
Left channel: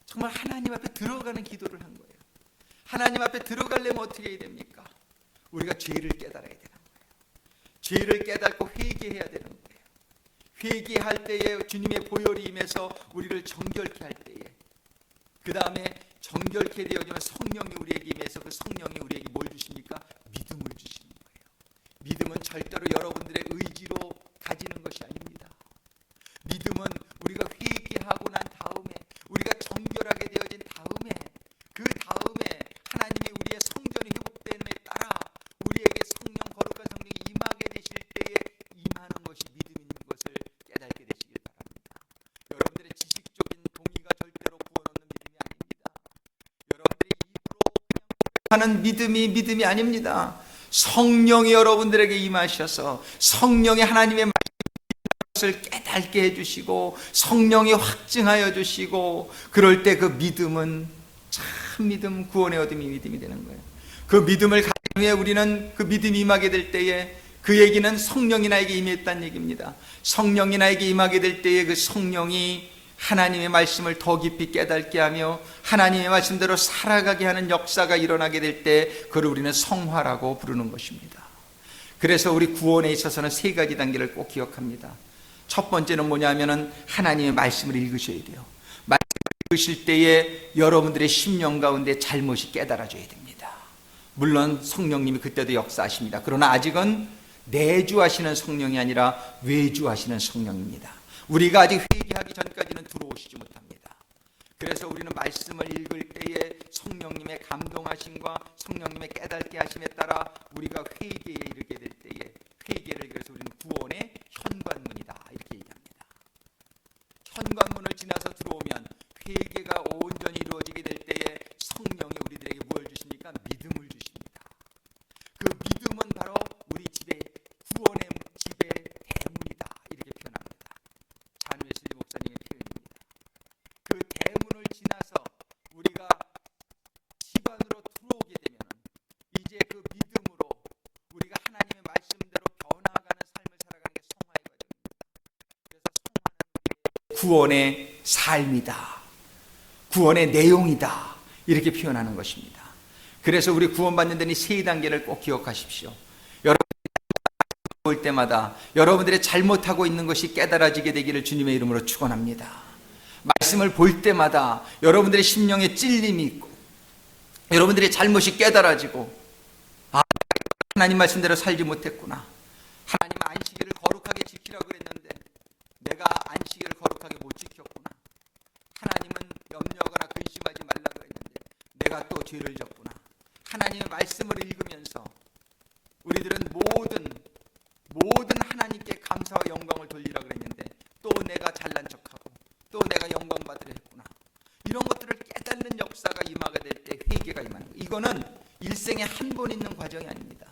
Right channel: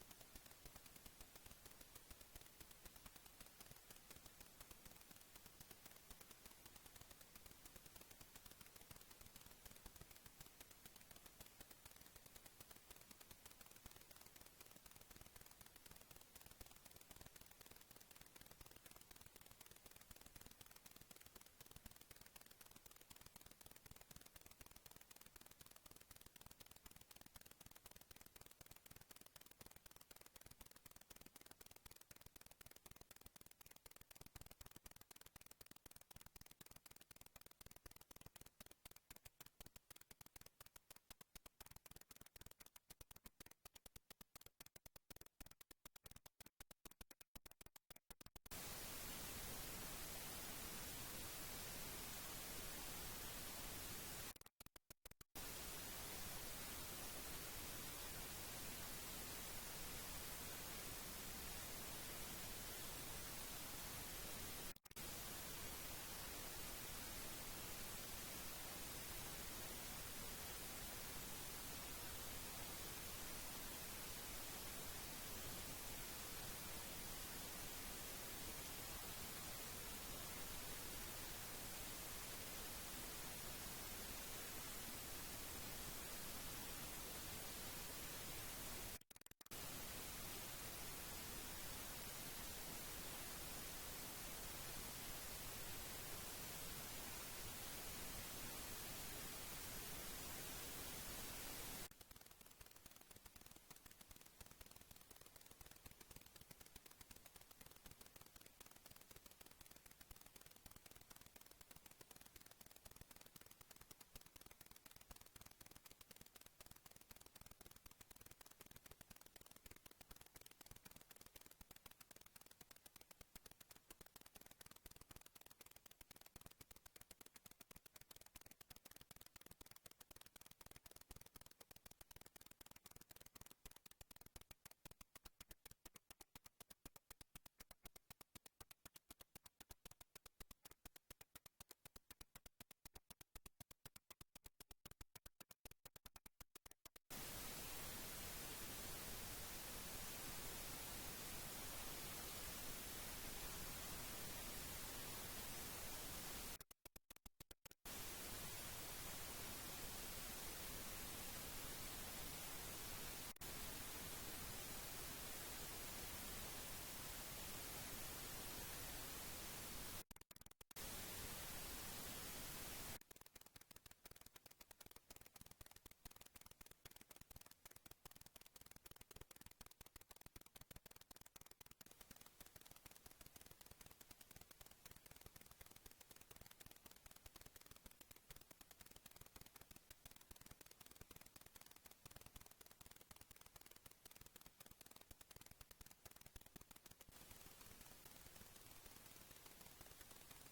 정말 하나님 앞에 들어가는 기도를 한 거예요. 하나님 앞에 들어가려면 어떻게 해야 됩니까? 우리가 죄를 깨달아야 되는 거예요. 죄를 깨닫고 회개해야 되는 거예요. 회개할 때에 주님의 보혈이 임해서 우리를 정결케 할 때에, 그 다음에 정결케 되어지면 성령이 우리에게 임해서 그 성령이 우리에게 뭘 주십니까? 믿음을 주시는 거예요. 믿음은 절대로 여러분들의 의지로 가지는 것이 아닙니다. 믿음은 우리가 회개하고 난 다음에, 우리가 정결하게 되어진 다음에, 그 다음에 하나님이 우리의 성전이 회복됨에 따라 우리에게 성령, 거룩한 성령이 임하게 되실 때에 임하는 것이 믿음인 것을 깨닫게 되시길 바랍니다. 여러분들의 지식적인 동의가 절대로 구원 얻는 믿음이 아닙니다. 여러분들의 입으로 그냥 하는 믿음이 아닙니다. 성령이 여러분들에게 임하셔서 성령이 하나님의 것을 깨닫게 해주시고 성령이 확증하여 주시고, 그럴 때 그 믿음은 참 믿음, 구원의 얻음이 믿음이 되는 거예요. 그 믿음을 가진 후에 우리는 그 믿음이 임하게 될 때에, 그 얘기는 성령이 나에게 임했다는 얘기입니다. 성령이 나에게 임하게 될 때에 그 성령이 하나님의 말씀을 더 깊이 깨닫게 하며 하나님의 말씀대로 살아가게 하는 역사가 일어나게 될 때 그걸 우리는 성화라고 부르는 것입니다. 그래서 우리 구원에 있어서는 세 가지 단계를 꼭 기억합니다. 첫 번째는 뭐냐면은 하나님의 말씀을 읽으셔야 돼요. 말씀을 읽으실 때에 여러분들의 심령 가운데 잘못이 깨달아져야 됩니다. 물론 성령님이 그때도 역사하십니다. 그러나 아직은 내주하시는 성령이 아니라 외주하시는 성령입니다. 우리가 아직 회개하기 전까지는 들어오시지 못합니다. 그래서 우리는 말씀을 읽을 때에 성령님의 감동하심과 성령님의 깨닫게 하심에 따라 우리가 회개에 이르게 될 때에, 회개를 그래서 우리는 구원의 현관문이다 이렇게 얘기합니다. 현관문을 지나서 들어오면 회개가 온전히 이루어지게 될 때에 성령이 우리들에게 뭘 주십니까? 믿음을 주십니다. 그 믿음은 바로 우리 집의 구원의 집의 대문이다 이렇게 표현합니다. 잔 웨슬리 목사님의 표현입니다. 그 대문을 지나서 우리가 집 안으로 들어오게 되면 이제 그 믿음으로 우리가 하나님의 말씀대로 변화가는 삶을 살아가는 게 성화의 과정입니다. 그래서 성화는 구원의 삶이다, 구원의 내용이다 이렇게 표현하는 것입니다. 그래서 우리 구원받는 데는 세 단계를 꼭 기억하십시오. 여러분들이 볼 때마다 여러분들의 잘못하고 있는 것이 깨달아지게 되기를 주님의 이름으로 축원합니다. 말씀을 볼 때마다 여러분들의 심령에 찔림이 있고 여러분들의 잘못이 깨달아지고, 아, 하나님 말씀대로 살지 못했구나. 하나님 안식일을 거룩하게 지키라고 그랬는데 내가 안식일을 거룩하게 못 지켰구나. 하나님은 염려하거나 근심하지 말라고 했는데 내가 또 죄를 졌구나. 하나님의 말씀을 읽으면서 우리들은 모든 하나님께 감사와 영광을 돌리라고 그랬는데 또 내가 잘난 척하고 또 내가 영광 받으려 했구나. 이런 것들을 깨닫는 역사가 임하게 될 때 회개가 임하는 거예요. 이거는 일생에 한 번 있는 과정이 아닙니다.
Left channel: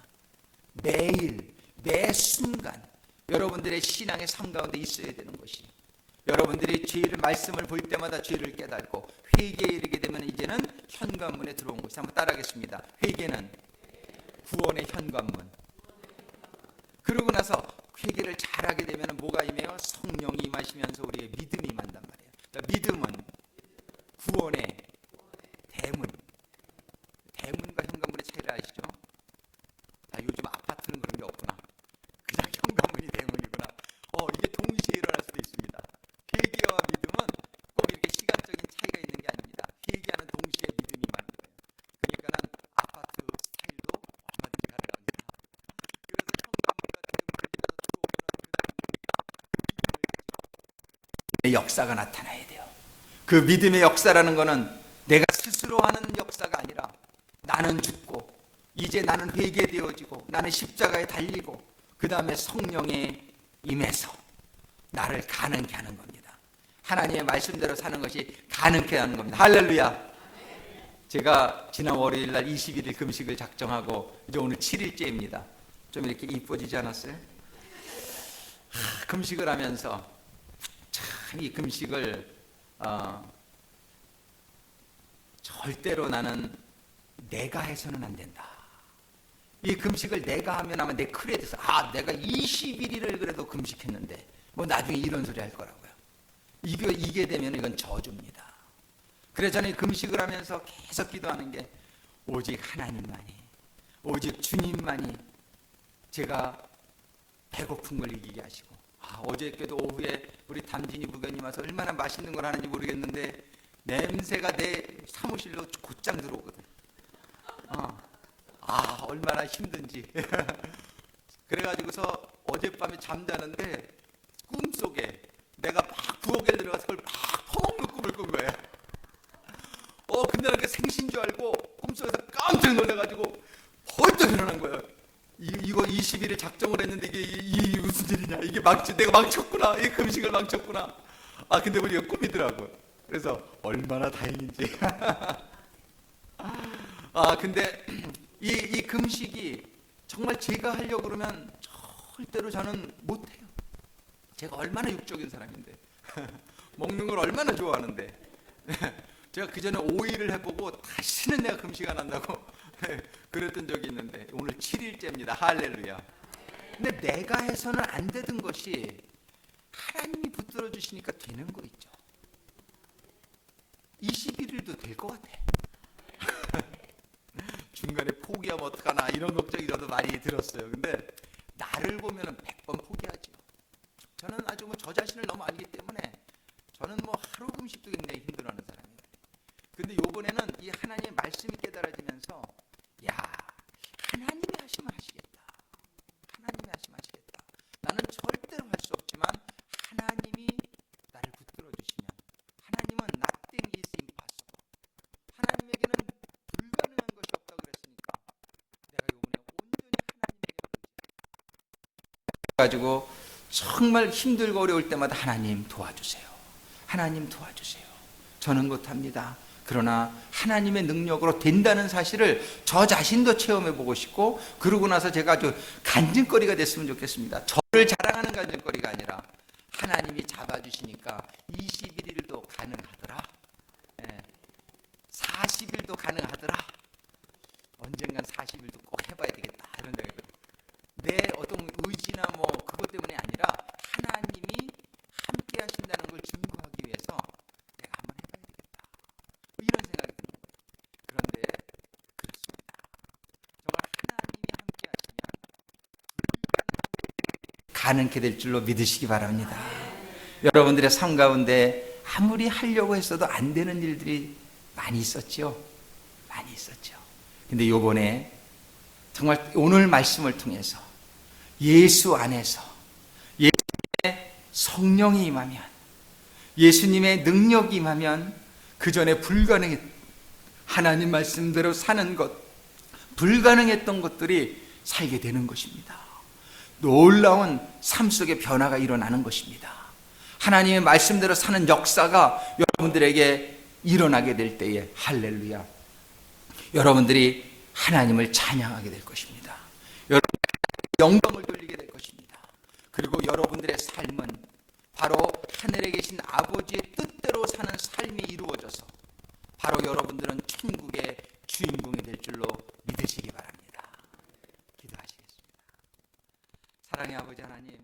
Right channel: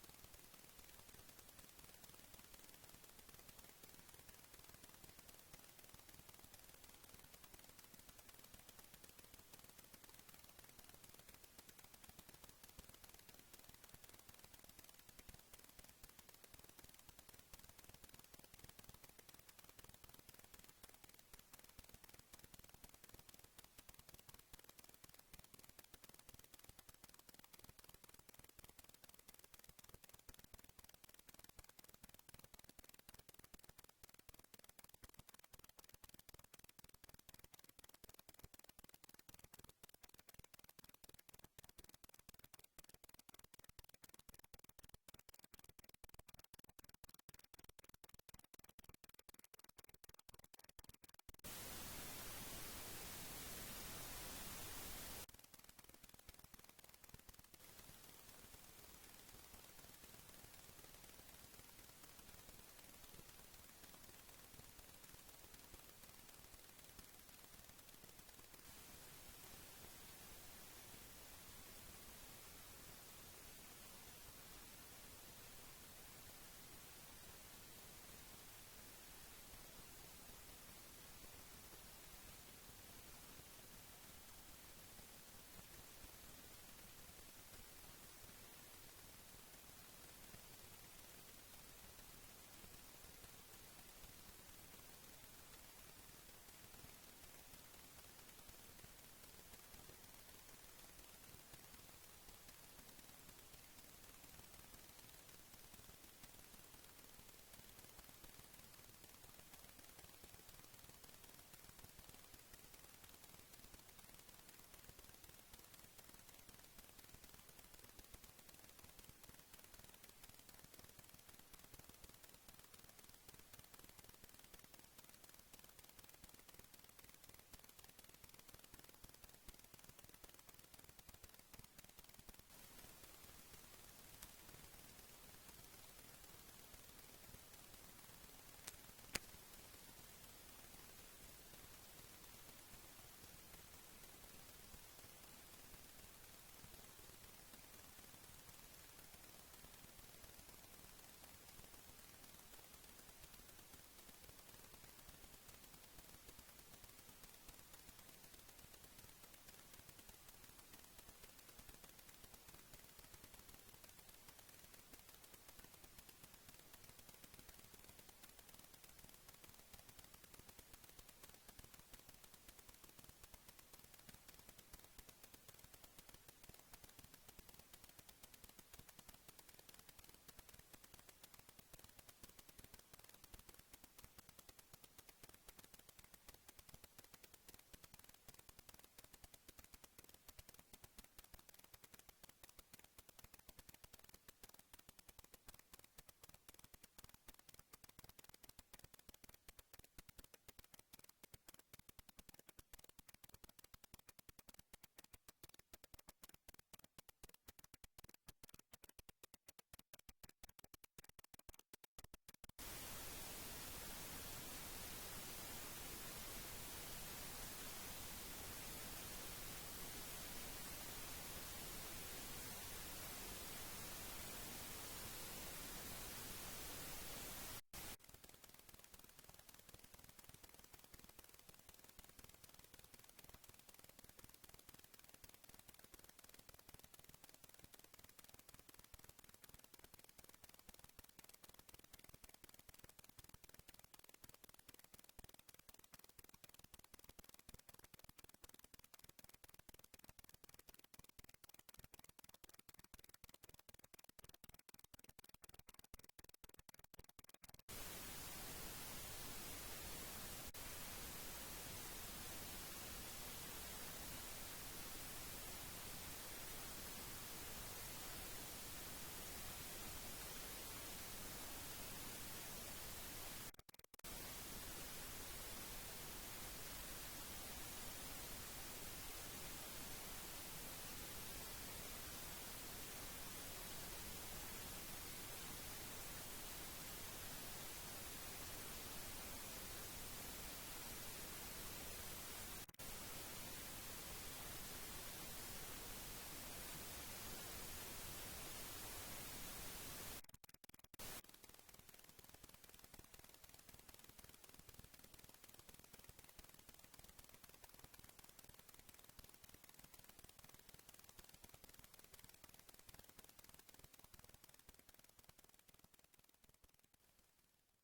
매일 매 순간 여러분들의 신앙의 삶 가운데 있어야 되는 것이, 여러분들이 죄를 말씀을 볼 때마다 죄를 깨닫고 회개에 이르게 되면 이제는 현관문에 들어온 것이. 한번 따라하겠습니다. 회개는 구원의 현관문. 그러고 나서 회개를 잘하게 되면 뭐가 임해요? 성령이 임하시면서 우리의 믿음이 임한단 말이에요. 그러니까 믿음은 구원의 대문. 대문과 현관문의 차이를 아시죠? 아, 요즘 아파트는 그런 게 없구나. 그냥 현관문이 대문이구나. 이게 동시에 일어날 수도 있습니다. 회개와 믿음은 꼭 이렇게 시간적인 차이가 있는 게 아닙니다. 회개하는 동시에 믿음이 임하는 거예요. 그러니까는 아파트 스타일도 얼마든지 가능합니다. 그래서 현관문과 대문을 지나서 들어오면 그 역사가 나타나야 돼요. 그 믿음의 역사라는 것은 내가 스스로 하는 역사가 아니라 나는 죽고 이제 나는 회개되어지고 나는 십자가에 달리고 그 다음에 성령에 임해서 나를 가능케 하는 겁니다. 하나님의 말씀대로 사는 것이 가능케 하는 겁니다. 할렐루야. 제가 지난 월요일 날 21일 금식을 작정하고 이제 오늘 7일째입니다. 좀 이렇게 이뻐지지 않았어요? 금식을 하면서 참 이 금식을 절대로 나는 내가 해서는 안 된다. 이 금식을 내가 하면 아마 내 크레딧에서 내가 21일을 그래도 금식했는데 뭐 나중에 이런 소리 할 거라고요. 이게 되면 이건 저주입니다. 그래서 저는 금식을 하면서 계속 기도하는 게 오직 하나님만이, 오직 주님만이 제가 배고픈 걸 이기게 하시고, 어저께도 오후에 우리 담진이 부교님 와서 얼마나 맛있는 걸 하는지 모르겠는데 냄새가 내 사무실로 곧장 들어오거든. 얼마나 힘든지. 그래가지고서 어젯밤에 잠자는데 꿈속에 내가 막 부엌에 들어가서 그걸 막 퍼먹는 꿈을 꾼 거야. 근데 나 그 생신 줄 알고 꿈속에서 깜짝 놀라가지고 벌떡 일어난 거예요. 이거 20일에 작정을 했는데 이게 무슨 일이냐? 이게 내가 망쳤구나. 이 금식을 망쳤구나. 근데 우리가 꿈이더라고요. 그래서 얼마나 다행인지. 근데 이 금식이 정말 제가 하려고 그러면 절대로 저는 못해요. 제가 얼마나 육적인 사람인데. 먹는 걸 얼마나 좋아하는데. 제가 그 전에 5일을 해보고 다시는 내가 금식 안 한다고 그랬던 적이 있는데 오늘 7일째입니다. 할렐루야. 근데 내가 해서는 안 되던 것이 하나님이 붙들어 주시니까 되는 거 있죠. 21일도 될 것 같아. 중간에 포기하면 어떡하나 이런 걱정이 저도 많이 들었어요. 근데 나를 보면 100번 포기하죠. 저는 아주 저 자신을 너무 알기 때문에 저는 하루 금식도 굉장히 힘들어하는 사람이에요. 근데 요번에는 이 하나님의 말씀이 깨달아지면서 하나님이 하시면 하시겠다. 하나님이 하시면 하시겠다. 나는 절대로 할 수 없지만 하나님이 나를 붙들어 주시면, 하나님은 nothing is impossible. 하나님에게는 불가능한 것이 없다고 그랬으니까 내가 요번에 온전히 하나님에게 가지고 정말 힘들고 어려울 때마다 하나님 도와주세요. 하나님 도와주세요. 저는 못합니다. 그러나 하나님의 능력으로 된다는 사실을 저 자신도 체험해 보고 싶고, 그러고 나서 제가 아주 간증거리가 됐으면 좋겠습니다. 저를 자랑하는 간증거리가 아니라 하나님이 잡아주시니까 21일도 가능하더라. 40일도 가능하더라. 언젠간 40일도 꼭 해봐야 되겠다. 이런 생각이 들어요. 내 어떤 의지나 그것 때문이 아니라 하나님이 함께 하신다는 걸 증거하기 위해서 내가 한번 해봐야 되겠다. 이런 생각이 드는 거예요. 그런데 그렇습니다. 정말 하나님이 함께 하시면 가능케 될 줄로 믿으시기 바랍니다. 여러분들의 삶 가운데 아무리 하려고 했어도 안 되는 일들이 많이 있었죠. 많이 있었죠. 근데 요번에 정말 오늘 말씀을 통해서 예수 안에서 예수님의 성령이 임하면, 예수님의 능력이 임하면 그 전에 불가능했, 하나님 말씀대로 사는 것, 불가능했던 것들이 살게 되는 것입니다. 놀라운 삶 속의 변화가 일어나는 것입니다. 하나님의 말씀대로 사는 역사가 여러분들에게 일어나게 될 때에 할렐루야, 여러분들이 하나님을 찬양하게 될 것입니다. 여러분들이 영광을 돌리게 될 것입니다. 그리고 여러분들의 삶은 바로 하늘에 계신 아버지의 뜻대로 사는 삶이 이루어져서 바로 여러분들은 천국의 주인공이 될 줄로 믿으시기 바랍니다. 기도하시겠습니다. 사랑의 아버지 하나님,